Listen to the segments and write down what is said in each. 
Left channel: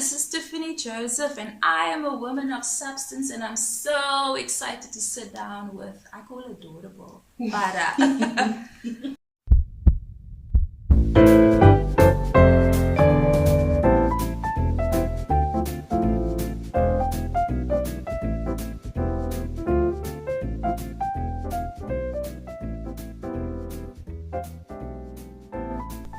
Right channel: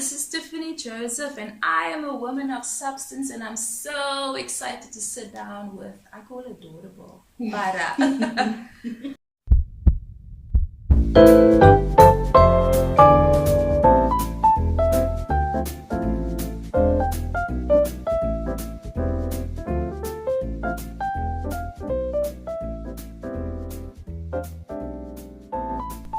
this is Tiffany Joseph, and I am a woman of substance, and I'm so excited to sit down with, I call her adorable, Farah.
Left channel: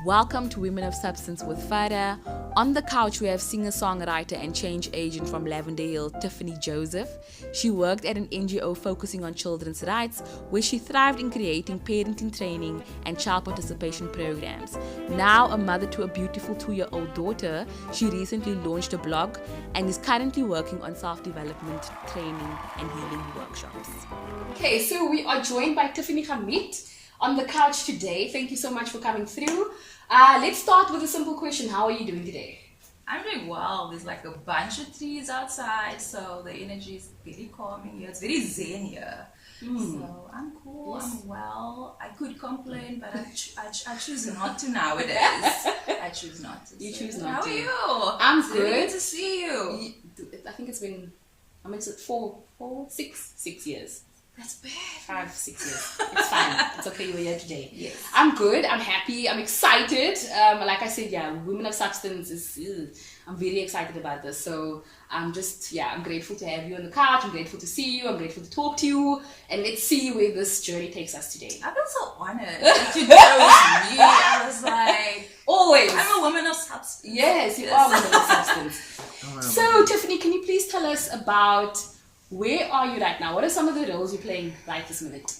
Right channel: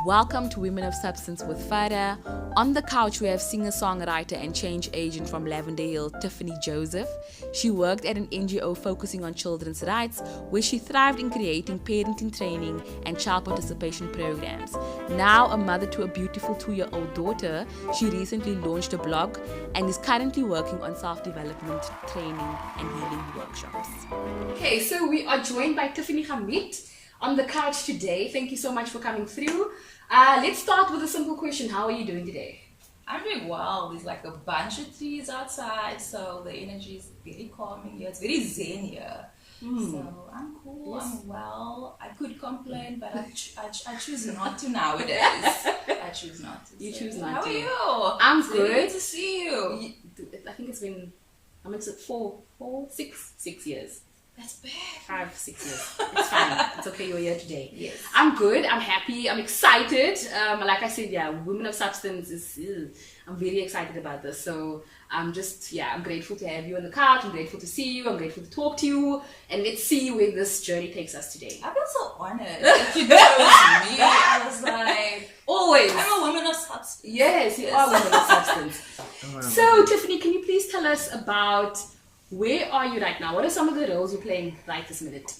Welcome to Women of Substance with Farah. On the couch, we have singer-songwriter and change agent from Lavender Hill, Tiffany Joseph. She worked at an NGO focusing on children's rights, where she thrived in creating parenting training and child participation programs. Now a mother to a beautiful 2-year-old daughter, she recently launched a blog and is currently working on self-development training and healing workshops. Okay, so we are joined by Tiffany Hamid on the couch today. Thank you so much for coming through. Let's start with a simple question. How are you doing today? I'm doing well. There's like a bunch of trees outside, so the energy is very calming here. It's very zen here. So I'm cool, yes. I'm well. I could complain, but I choose not to nowadays. I choose not to. You choose not to. How are you? I'm It's good. really good to see you. I think it's been, six years. That's bad. 5, 6 years. It's fine. It's okay. You're here today. Yes. I'm good. I'm happy. I'm excited. Like I said, yeah, Women of Substance is. I'm very excited about this. So I'm grateful to have you on the couch. I'm grateful to see you. I'm grateful to talk to you. And let's see where this journey takes us today. I feel so honored that you chose me. I was like, always. I'm a woman of substance. Yes, you are a woman of substance. So Tiffany, can you please tell us about where are you right now? What are some of the roles you're playing right this minute?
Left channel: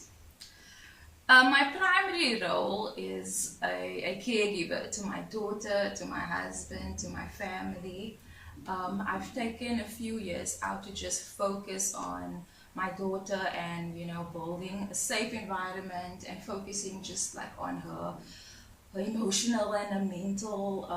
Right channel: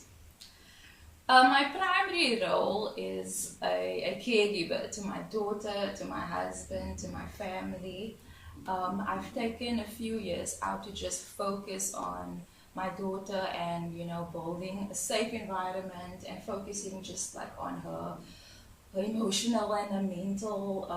My primary role is a caregiver to my daughter, to my husband, to my family. I've taken a few years out to just focus on my daughter and, building a safe environment and focusing just like on her emotional and her mental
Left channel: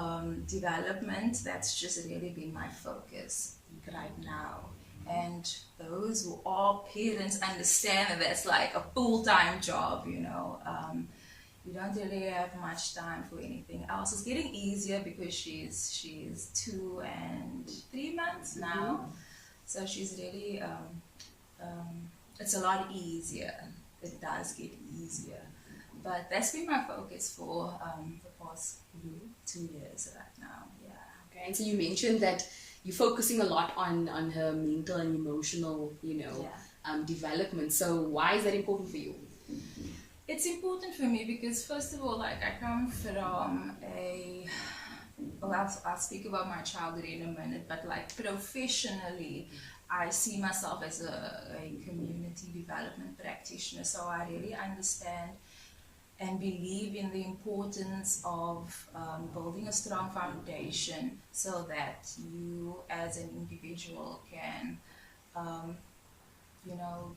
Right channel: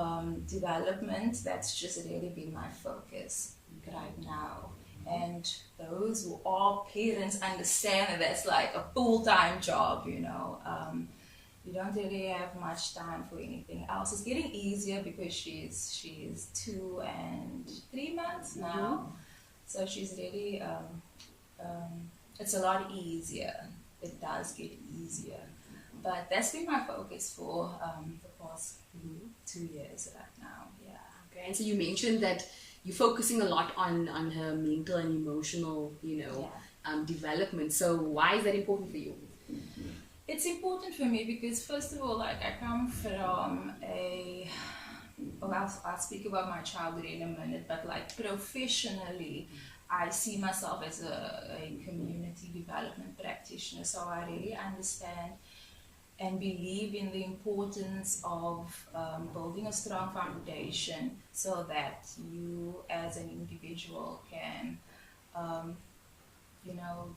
development. That's just really been my focus right now. And those who are parents understand that that's like a full-time job, You don't really have much time for anything else. It's getting easier because she's 2 and 3 months now. So she's really, it's a lot easier. It does get easier. But that's been my focus for the past 2 years right now, yeah. Okay, and so you mentioned that you're focusing a lot on her mental and emotional, development. So why is that important for you? It's important for me because, first of all, I come from I'll speak about my childhood in a minute, but professionally, I see myself as a community development practitioner. So I really understand and believe in the importance of building a strong foundation so that you as an individual can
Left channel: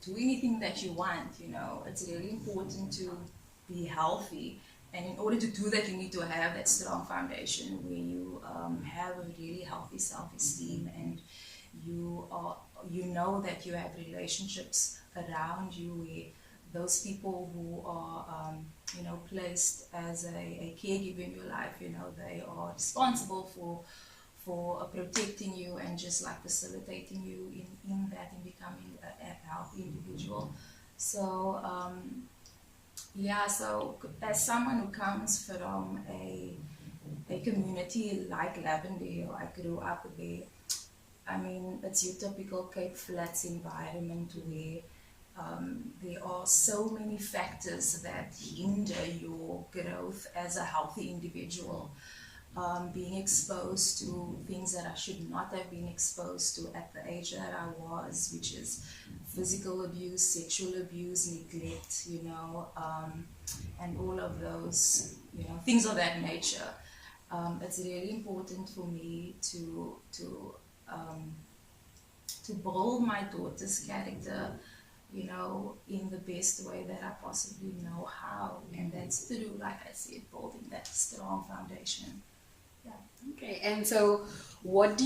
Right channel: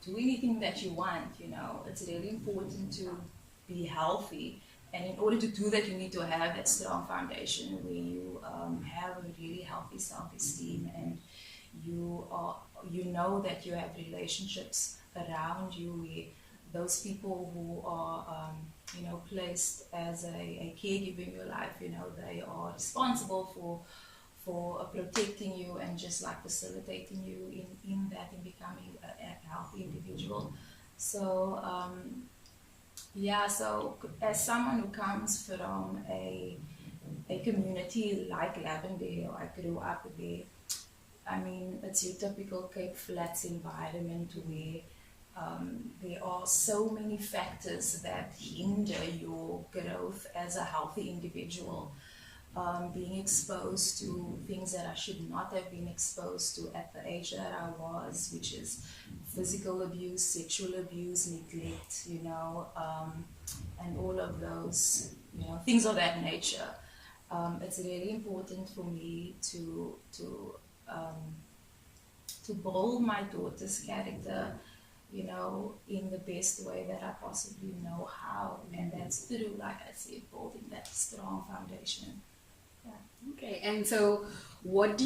do anything that you want. It's really important to be healthy, and in order to do that you need to have that strong foundation where you have a really healthy self-esteem, and you know that you have relationships around you where those people who are placed as a caregiver in your life, they are responsible for protecting you and just facilitating you in becoming a healthy individual. So so as someone who comes from a community like Lavender Hill, I grew up there. I mean, it's your typical Cape Flats environment where there are so many factors that hinder your growth as a healthy individual. Being exposed to things that I should not have been exposed to at the age that I was, which is physical abuse, sexual abuse, neglect, and all of those, things of that nature. It's really important for me to build my daughter's character, in the best way that I possibly know how. And that's through, like I said, building that strong foundation. Yeah. Okay, and so what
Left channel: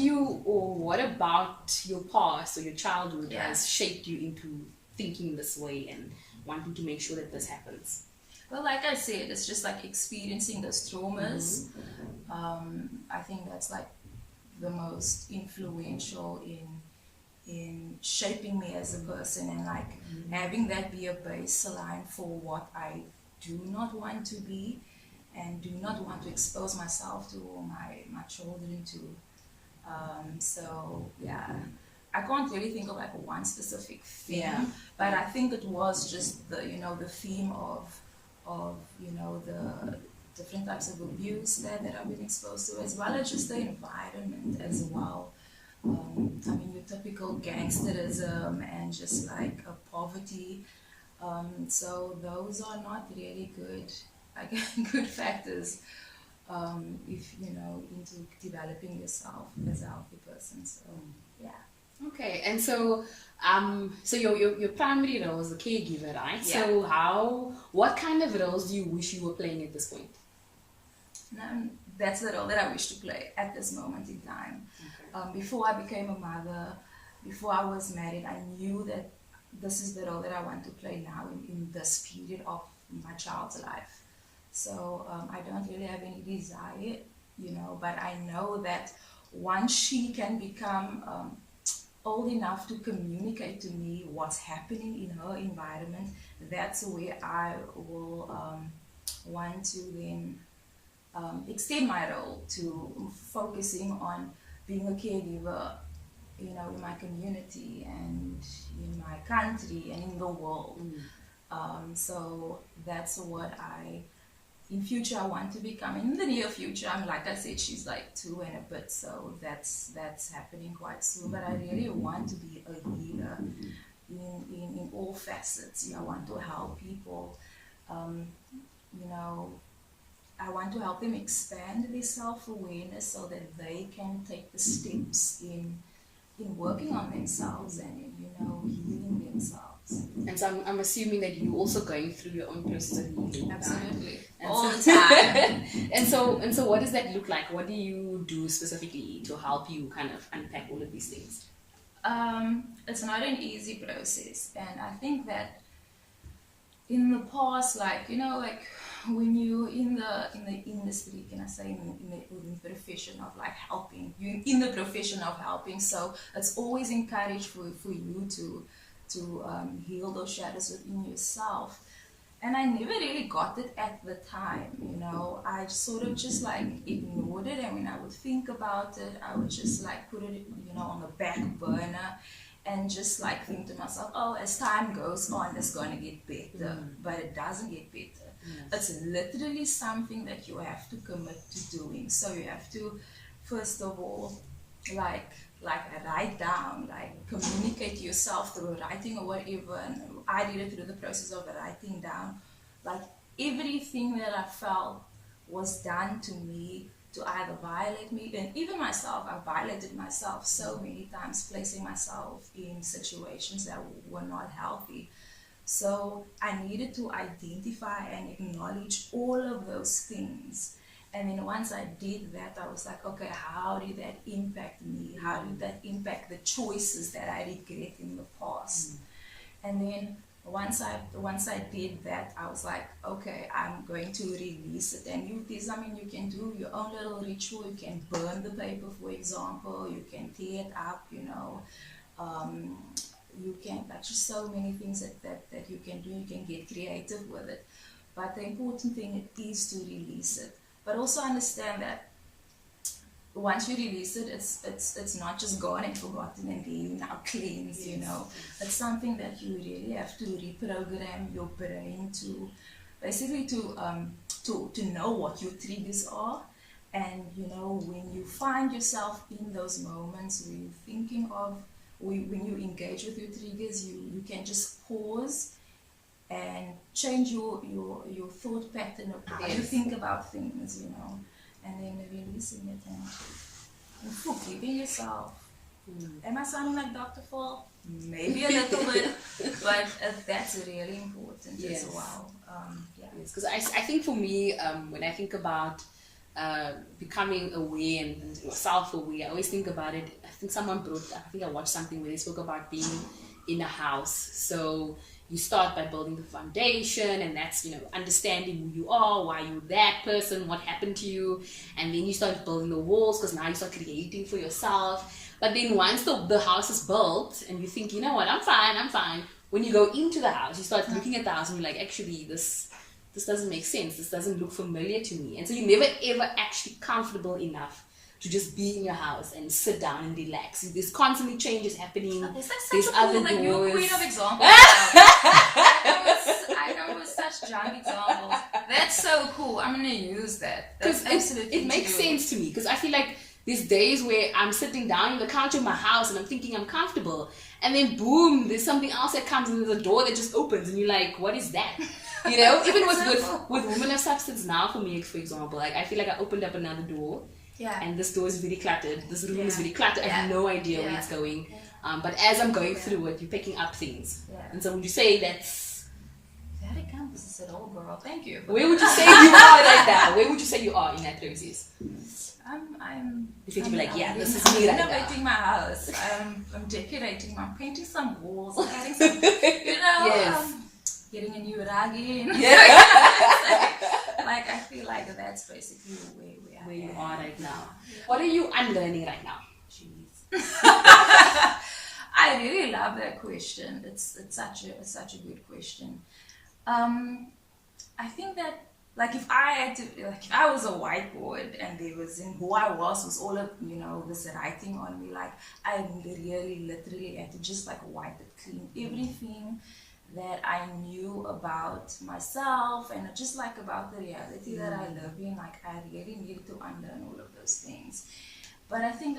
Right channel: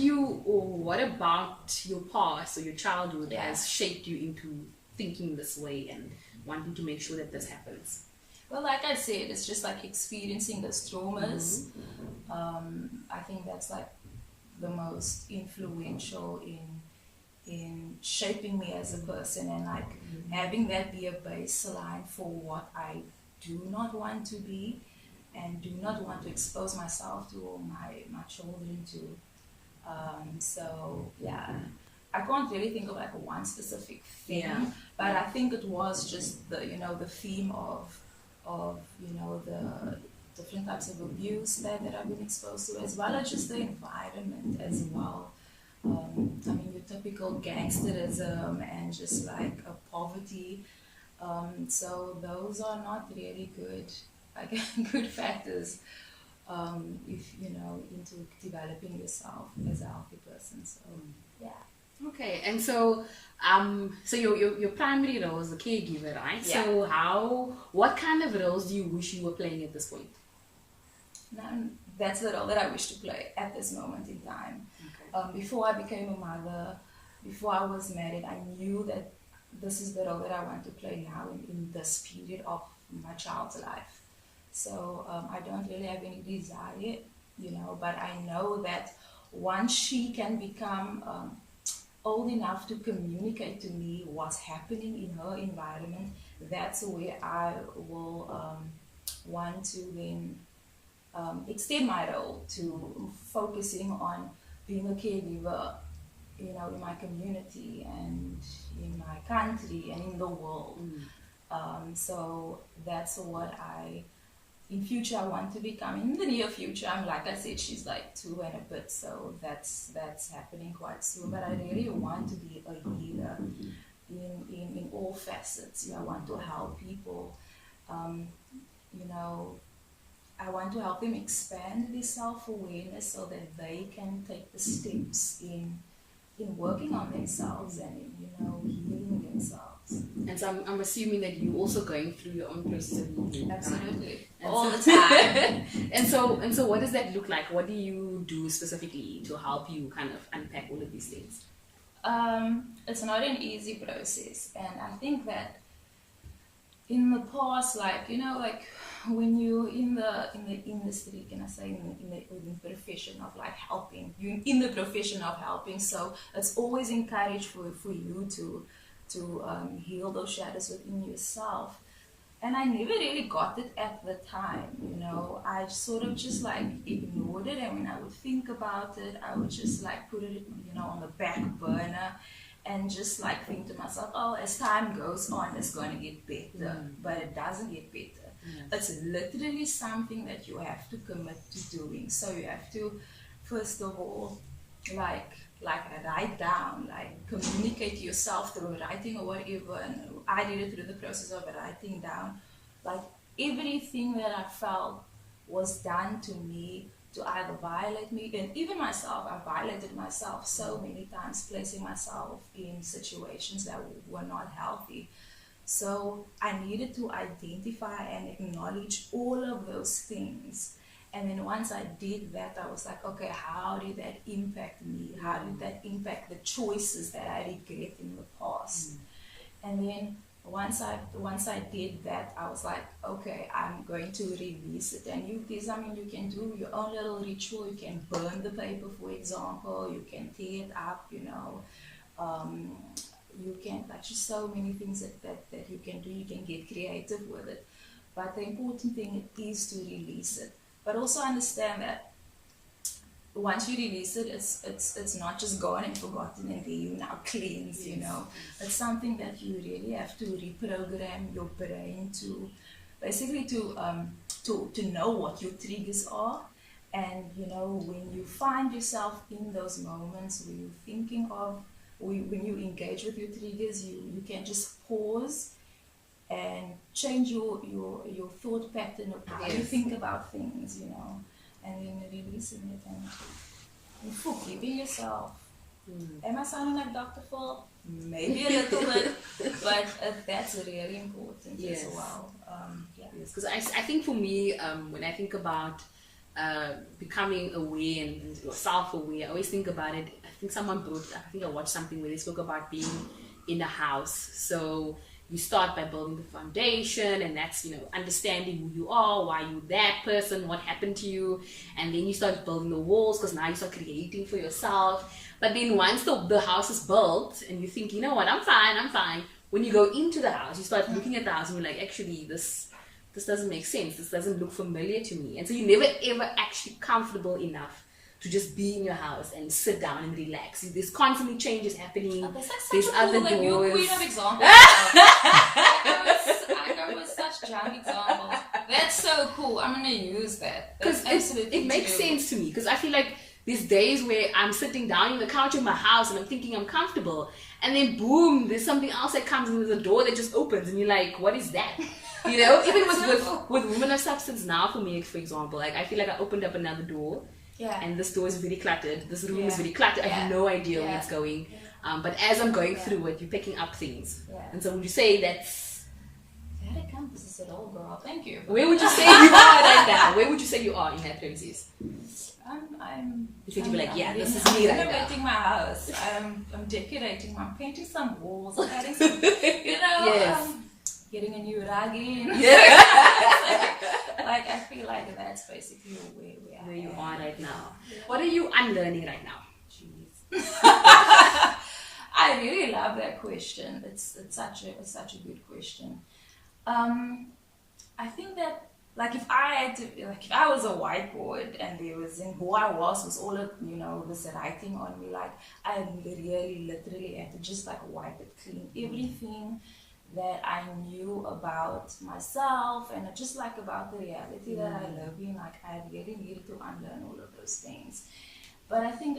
about your past or your childhood has shaped you into thinking this way and wanting to make sure that this happens? Well, like I said, it's just experiencing those traumas. I think that's the most influential in shaping me as a person, and like having that be a baseline for what I do not want to be and do not want to expose myself to or my children to. So yeah, I can't really think of like one specific thing, but I think it was just the the theme of the different types of abuse that I've been exposed to, as well as just the environment as well. I mean, your typical gangsterism and just like a poverty. So those are not really good, like good factors if into developing yourself as a healthy person. So yeah. Okay, and so so your primary role is the caregiver, right? Yeah. So what kind of roles do you wish you were playing at this point? Now, that's the role that I wish to play at this moment in time. Okay. Before I became a mother, before I was married, I knew that this is the role that I want to play now in this period of my child's life. So I don't really have any desire, but I know that once she can become old enough to communicate to me what's happening in her environment, that's where I will want to then extend my role to focusing on being a caregiver, in my community and in my country and in the world. So that's what in future I want to become. In the near future, like I said, she's like 2 and a bit, so that's happening quite soon. But I really want to be a healer in all facets. I want to help people. I want to help them expand their self-awareness so that they can take the steps in working on themselves and healing themselves. And so I'm assuming that you're also going through your own process of healing. Absolutely. All the time. and so what does that look like? What do you do specifically to help you kind of unpack all of these things? It's not an easy process, and I think that in the past, like when you in the industry, can I say in the profession of like helping, you in the profession of helping, so it's always encouraged for you to heal those shadows within yourself. And I never really got it at the time, I sort of just like ignored it, and when I would think about it, I would just like put it on the back burner and just like think to myself, oh, as time goes on, it's going to get better. But it doesn't get better. It's literally something that you have to commit to doing. So you have to, first of all, like write down, like communicate to yourself through writing or whatever. And I did it through the process of writing down, like everything that I felt was done to me to either violate me, and even myself, I violated myself so many times, placing myself in situations that were not healthy. So I needed to identify and acknowledge all of those things. And then once I did that, I was like, okay, how did that impact me? How did that impact the choices that I regret in the past? And then once I did that, I was like, okay, I'm going to release it. And you can do your own little ritual. You can burn the paper, for example. You can tear it up, you can, like, just so many things that you can do. You can get creative with it. But the important thing is to release it. But also understand that once you release it, it's not just gone and forgotten and then you now cleanse, It's something that you really have to reprogram your brain to basically to know what your triggers are. And when you find yourself in those moments where you're thinking of, when you engage with your triggers, you can just pause and change your thought pattern of how you think about things, and then releasing it and forgiving yourself. Am I sounding like Dr. Phil? Maybe a little bit, but that's really important as well. Because I think for me, when I think about becoming aware and self-aware, I always think about it. I think I watched something where they spoke about being in a house. So you start by building the foundation, and that's, understanding who you are, why you're that person, what happened to you, and then you start building the walls, because now you start creating for yourself. But then once the house is built and you think, you know what, I'm fine. When you go into the house, you start looking at the house and you're like, actually, this doesn't make sense. This doesn't look familiar to me. And so you're never ever actually comfortable enough to just be in your house and sit down and relax. There's constantly changes happening. There's like There's such a other cool, like, new doors. queen of examples. I go with such junk examples. That's so cool. I'm gonna use that. That's absolutely it makes sense to me, because I feel like there's days where I'm sitting down on the couch in my house and I'm thinking I'm comfortable, and then boom, there's something else that comes, and there's a door that just opens, and you're like, what is that? Even with Women of Substance now, for me, for example, like I feel like I opened up another door. Yeah. And this door is very cluttered. This room is very cluttered. I have no idea where it's going. But as I'm going through it, you're picking up things. Yeah. And so would you say that's... That encompasses it all, girl. Thank you. Where would you say you are right now? Where would you say you are in that process? You think you'd be like, this is me. I'm renovating my house. I'm decorating. I'm painting some walls. I'm adding some, getting a new rug in. Like I feel like that's basically where you are right now. What are you unlearning right now? Jeez. I really love that question. It's such a good question. I think that if I was a whiteboard and there was in who I was all of this writing on me, like I really literally had to just wipe it clean, everything that I knew about myself and just about the reality that I live in. Like I really needed to unlearn all of those things. But I think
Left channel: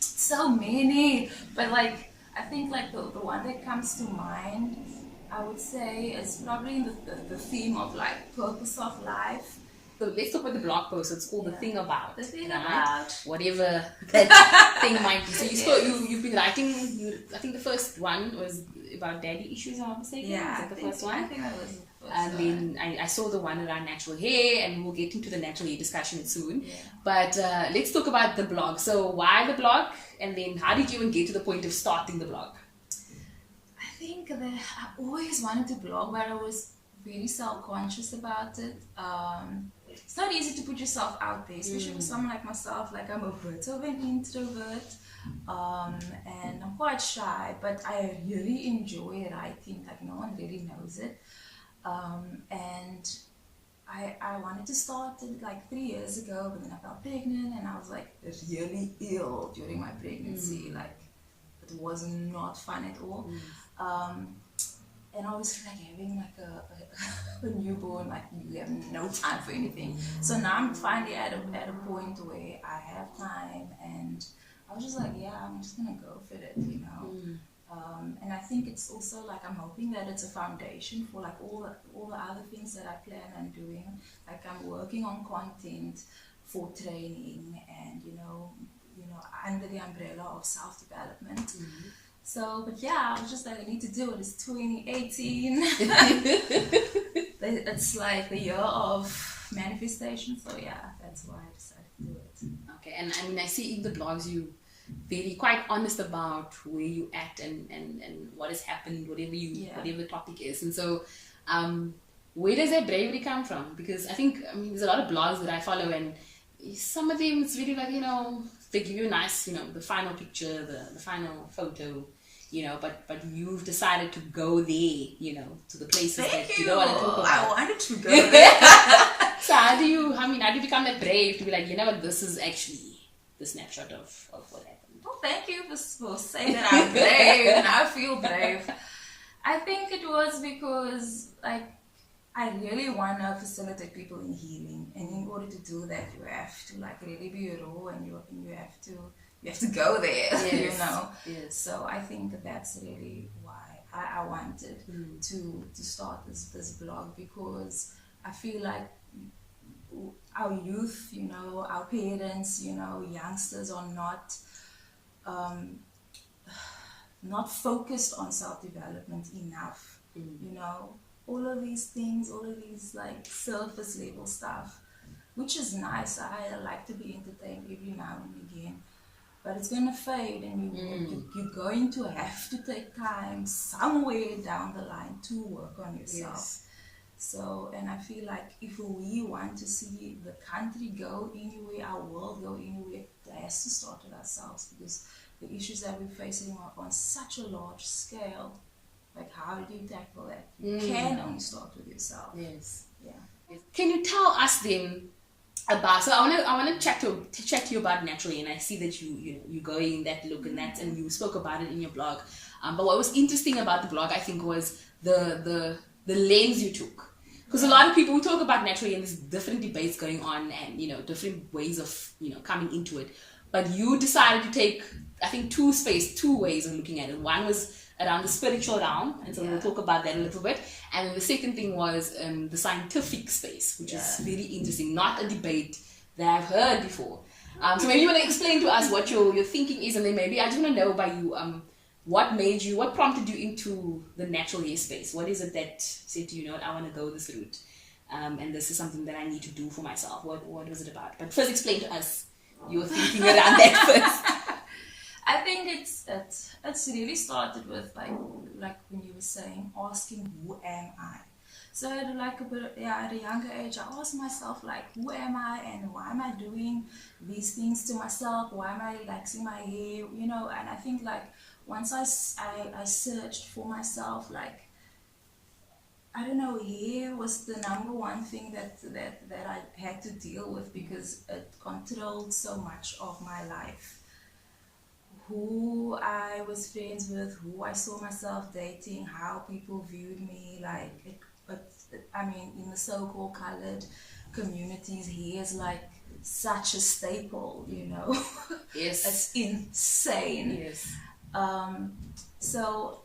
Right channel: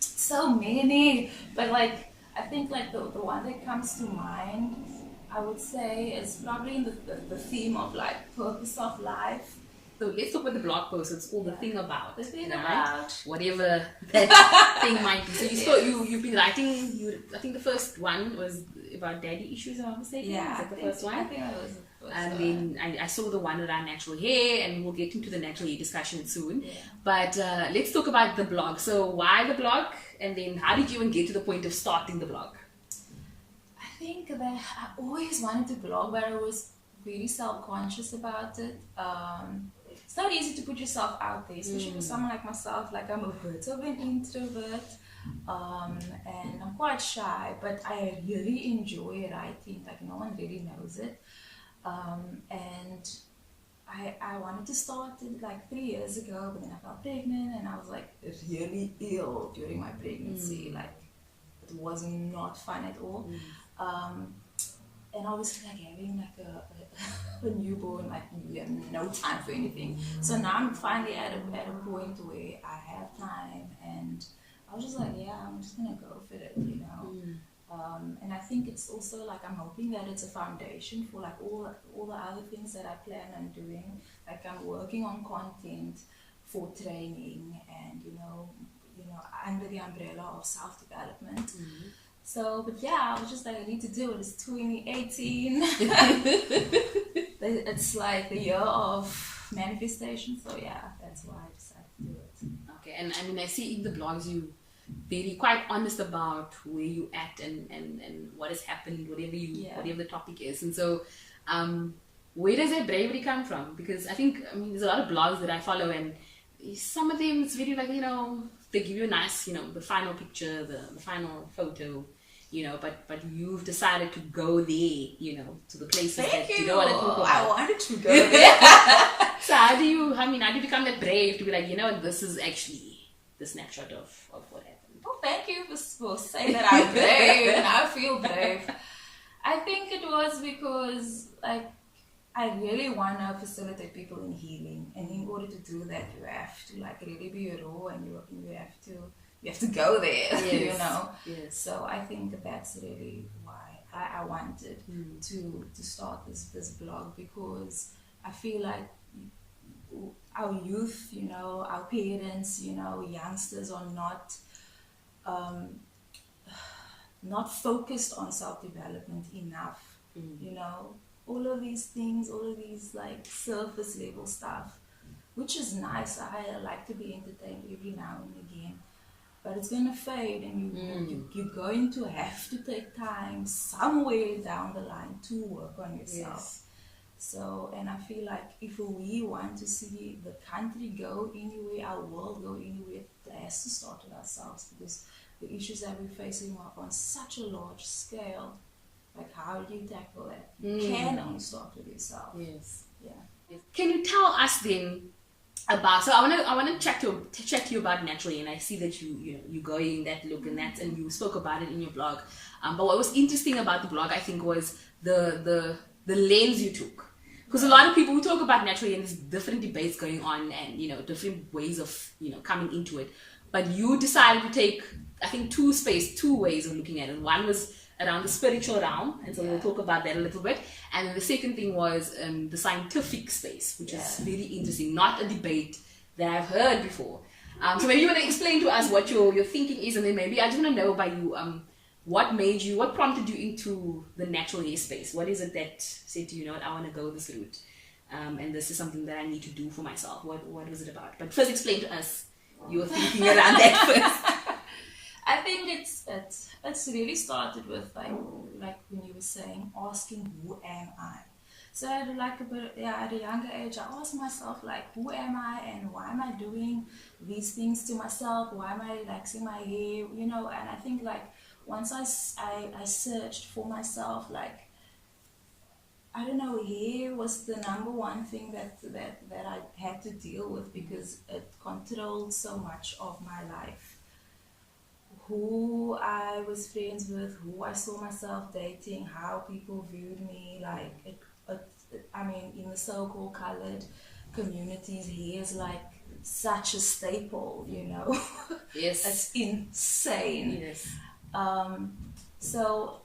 so many, but I think the one that comes to mind, I would say, is probably in the theme of purpose of life. So let's talk about the blog post. It's called The Thing About. The Thing About. Whatever that thing might be. So you've been writing, I think the first one was about daddy issues, I'm not mistaken. Yeah. Is that the first one? I think that was the first and one. then I saw the one around natural hair, and we'll get into the natural hair discussion soon. Yeah. But let's talk about the blog. So why the blog? And then how did you even get to the point of starting the blog? I think that I always wanted to blog, but I was very self-conscious about it. It's not easy to put yourself out there, especially for someone like myself. I'm a bit of an introvert, and I'm quite shy, but I really enjoy writing. No one really knows it. And I wanted to start it 3 years ago, but then I fell pregnant, and I was really ill during my pregnancy. It was not fun at all. And obviously having a newborn, you have no time for anything. So now I'm finally at a point where I have time, and I was just I'm just gonna go for it, and I think it's also I'm hoping that it's a foundation for all the other things that I plan on doing. I'm working on content for training, and under the umbrella of self-development. So, but I was just I need to do it. It's 2018. It's the year of manifestation. So that's why I decided to do it. Okay, and I mean, I see in the blogs you very quite honest about where you at and what has happened, whatever the topic is. And so, where does that bravery come from? Because I think, there's a lot of blogs that I follow, and some of them it's really they give you a nice, the final picture, the final photo, but you've decided to go there, to the places that you don't want to talk about. I wanted to go there. So how do you become that brave to be this is actually the snapshot of what happened? Oh, thank you for saying that I'm brave, and I feel brave. I think it was because, I really want to facilitate people in healing, and in order to do that, you have to really be raw, and you have to go there, yes. Yes. So I think that's really why I wanted to start this blog, because I feel our youth, our parents, youngsters are not focused on self-development enough, all of these things, all of these surface level stuff, which is nice. I like to be entertained every now and again, but it's going to fade, and you're going to have to take time somewhere down the line to work on yourself. Yes. So, and I feel like if we want to see the country go anywhere, our world go anywhere, it has to start with ourselves, because the issues that we're facing are on such a large scale. Like, how do you tackle that? You can only start with yourself. Yes. Yeah. Can you tell us then about? So I want to chat to you about naturally, and I see that you going that look and that, and you spoke about it in your blog. But what was interesting about the blog, I think, was the lens you took. Because a lot of people, we talk about naturally, and there's different debates going on, and different ways of coming into it. But you decided to take, I think, two ways of looking at it. One was around the spiritual realm, and so we'll talk about that a little bit. And then the second thing was the scientific space, which is very interesting, not a debate that I've heard before. So maybe you want to explain to us what your thinking is, and then maybe I just want to know by you, what prompted you into the natural hair space? What is it that said to you, I want to go this route, and this is something that I need to do for myself? What was it about? But first, explain to us your thinking around that first. I think it's really started with like when you were saying, asking who am I. So at a younger age, I asked myself like, who am I, and why am I doing these things to myself? Why am I relaxing my hair? And I think like once I searched for myself, like, I don't know, hair was the number one thing that I had to deal with, because it controlled so much of my life. Who I was friends with, who I saw myself dating, how people viewed me, like I mean, in the so-called colored communities, hair is like such a staple, Yes. It's insane. Yes. So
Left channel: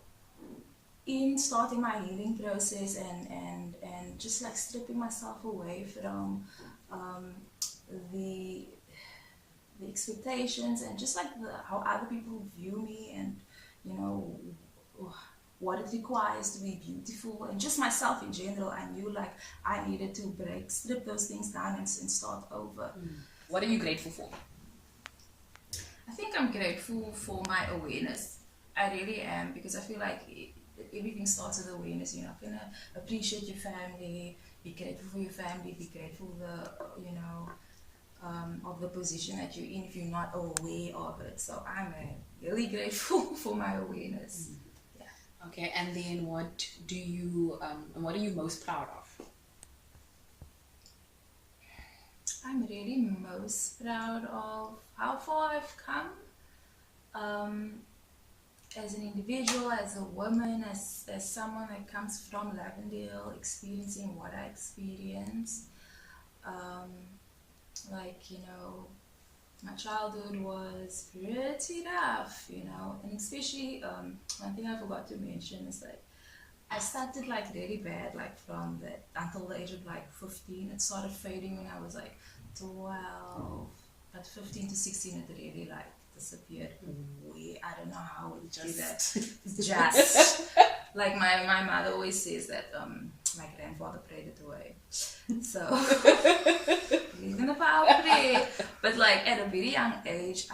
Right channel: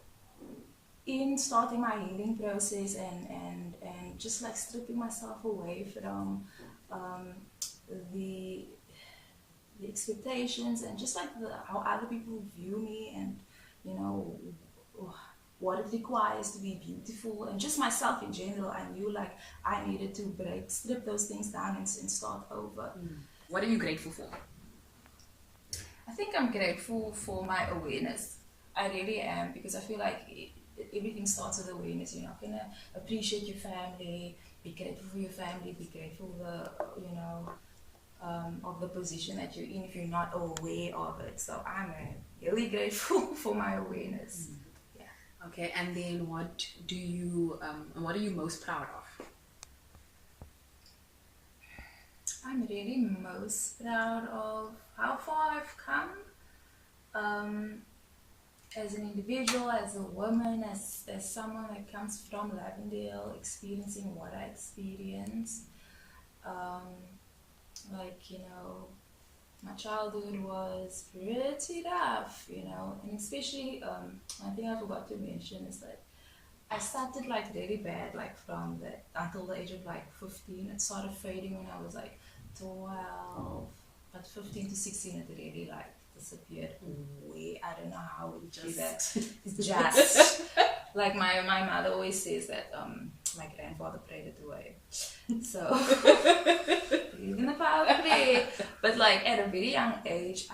in starting my healing process and just like stripping myself away from the expectations, and just like how other people view me, and what it requires to be beautiful, and just myself in general, I knew like I needed to strip those things down and start over. What are you grateful for? I think I'm grateful for my awareness. I really am, because I feel like everything starts with awareness. You're not gonna appreciate your family, be grateful for your family, be grateful of the position that you're in if you're not aware of it. So I'm really grateful for my awareness. Yeah. Okay, and then what are you most proud of? I'm really most proud of how far I've come, as an individual, as a woman, as someone that comes from Lavendale, experiencing what I experienced. My childhood was pretty rough, and especially one thing I forgot to mention is like I started like really bad, like until the age of like 15. It started fading when I was like 12, but 15 to 16 it really like disappeared way. I don't know how it just like my mother always says that my grandfather prayed it away. So believe in the power of prayer. But like at a very young age,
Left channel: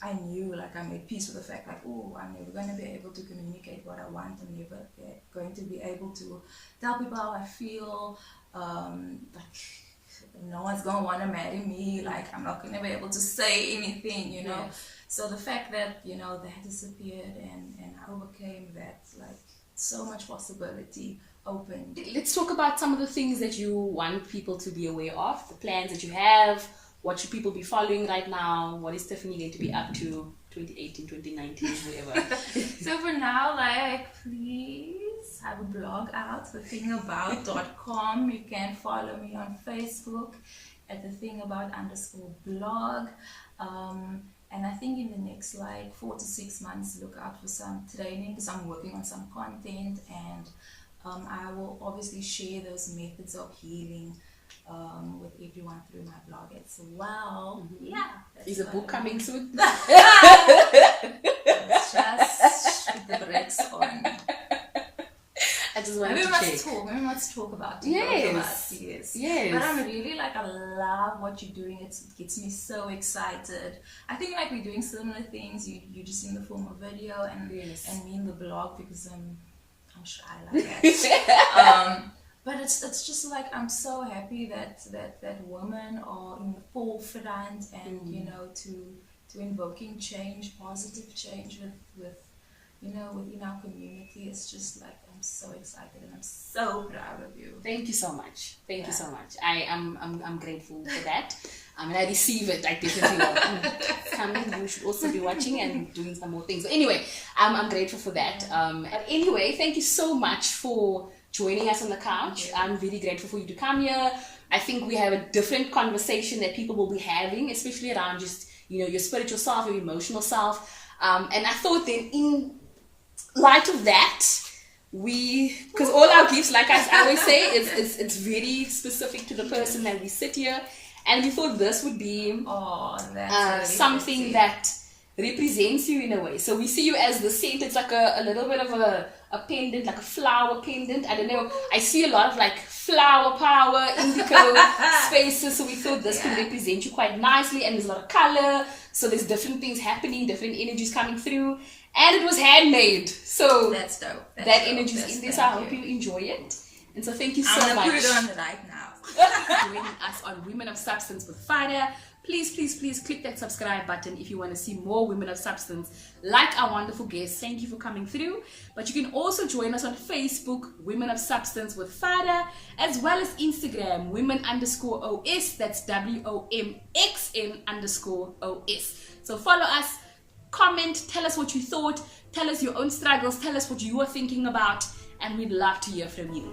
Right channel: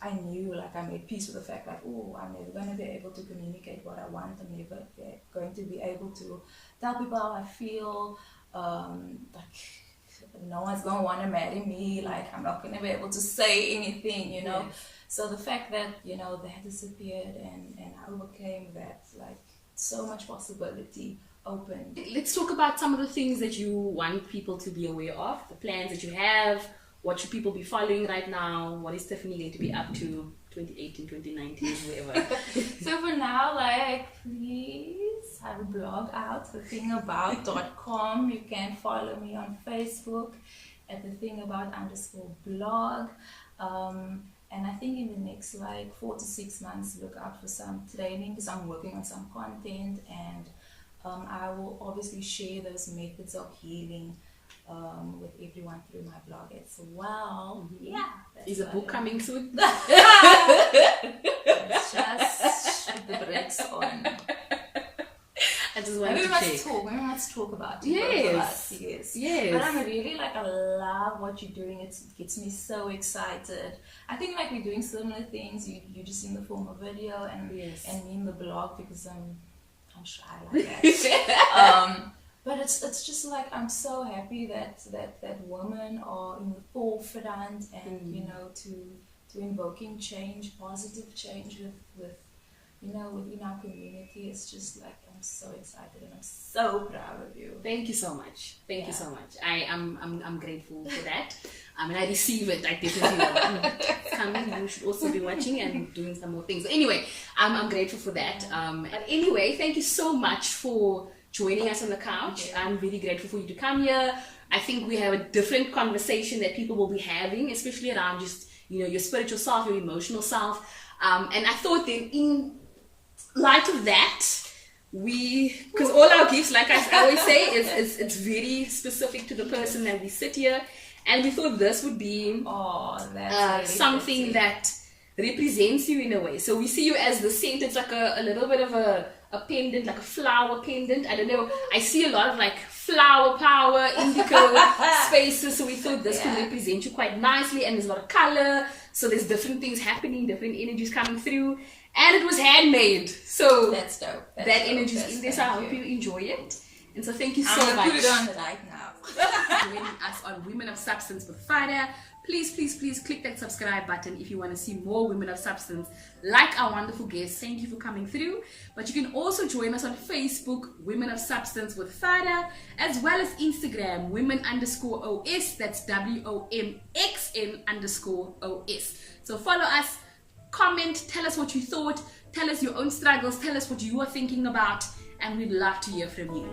I knew, like, I made peace with the fact, like, oh, I'm never going to be able to communicate what I want. I'm never going to be able to tell people how I feel. No one's going to want to marry me. Like, I'm not going to be able to say anything, Yes. So the fact that, that disappeared and I overcame that, like, so much possibility opened. Let's talk about some of the things that you want people to be aware of, the plans that you have. What should people be following right now? What is Tiffany going to be up to 2018, 2019, whatever? So for now, like, please have a blog out, thethingabout.com. You can follow me on Facebook at thethingabout_blog. And I think in the next like 4 to 6 months, look out for some training, because I'm working on some content, and I will obviously share those methods of healing with everyone through my blog as well. Mm-hmm. Yeah. Is a book coming soon? Let's just put the brakes on. And just wanted Maybe to we must check. talk. Maybe we must talk about it. Yes. Both of us. Yes. Yes. But I'm really like, I love what you're doing. It gets me so excited. I think like we're doing similar things. You just in the form of video and Yes. and me in the blog because I'm shy like that. But it's just like I'm so happy that women are in the forefront and you know to invoking change, positive change with you know within our community. It's just like I'm so excited and I'm so proud of you. Thank you so much. Thank you so much. I'm grateful for that. I mean, I receive it. I definitely coming. You should also be watching and doing some more things. So anyway, I'm grateful for that. But anyway, thank you so much for joining us on the couch. I'm really grateful for you to come here. I think we have a different conversation that people will be having, especially around just, you know, your spiritual self, your emotional self. And I thought then in light of that, because all our gifts, like I always say, it's very specific to the person that we sit here. And we thought this would be something that represents you in a way. So we see you as the center. It's like a little bit of a pendant, like a flower pendant. I don't know. I see a lot of like flower power, indigo spaces. So we thought this could represent you quite nicely. And there's a lot of color. So there's different things happening, different energies coming through. And it was handmade. So that's dope. That energy is in there. So I hope you enjoy it. And so thank you so much. I'm going to put it on right now. Joining us on Women of Substance with Farah. Please click that subscribe button if you want to see more Women of Substance like our wonderful guests. Thank you for coming through. But you can also join us on Facebook, Women of Substance with Farah, as well as Instagram, women_OS. That's WOMXN_OS. So follow us, comment, tell us what you thought, tell us your own struggles, tell us what you are thinking about, and we'd love to hear from you.